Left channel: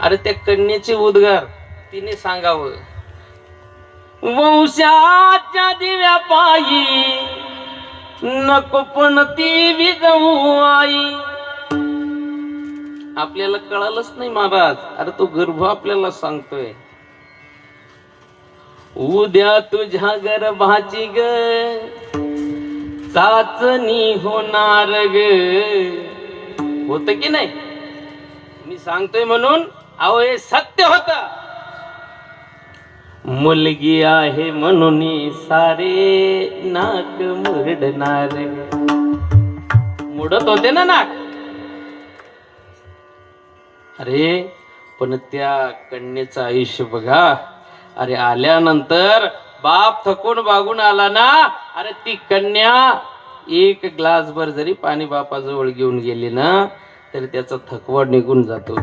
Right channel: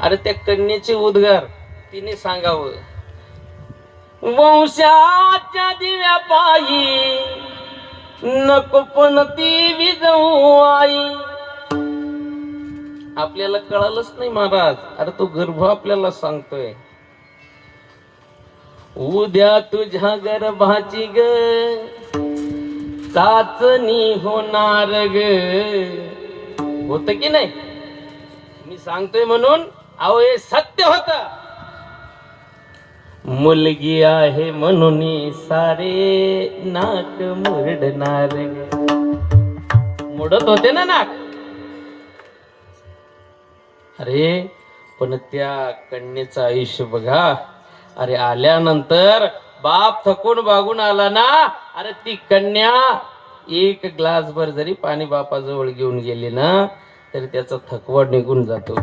अरे त्या कन्येचे उद्गार तिने सांगावं. वंशाच्या दिव्या पायी नको पण ती विजवू आई. आपल्याला कळालंच नाही महाराज. अरे तो गर्भ आपल्याला सांगतोय उद्या तुझ्या गर्भाची ग चाचणी होणार ग. होत की नाही? मी सांगतोय म्हणून अहो हे सत्य होत. मुलगी आहे म्हणून सारे नाक मुरडणार. मुडत होते ना नाक. अरे पण त्या कन्येचं आयुष्य बघा. अरे आल्यानंतर बाप थकून भागून आला ना. अरे ती कन्या एक ग्लास भर जरी पाणी बापाजवळ घेऊन गेली ना तरी त्याचा थकवा निघून जातो.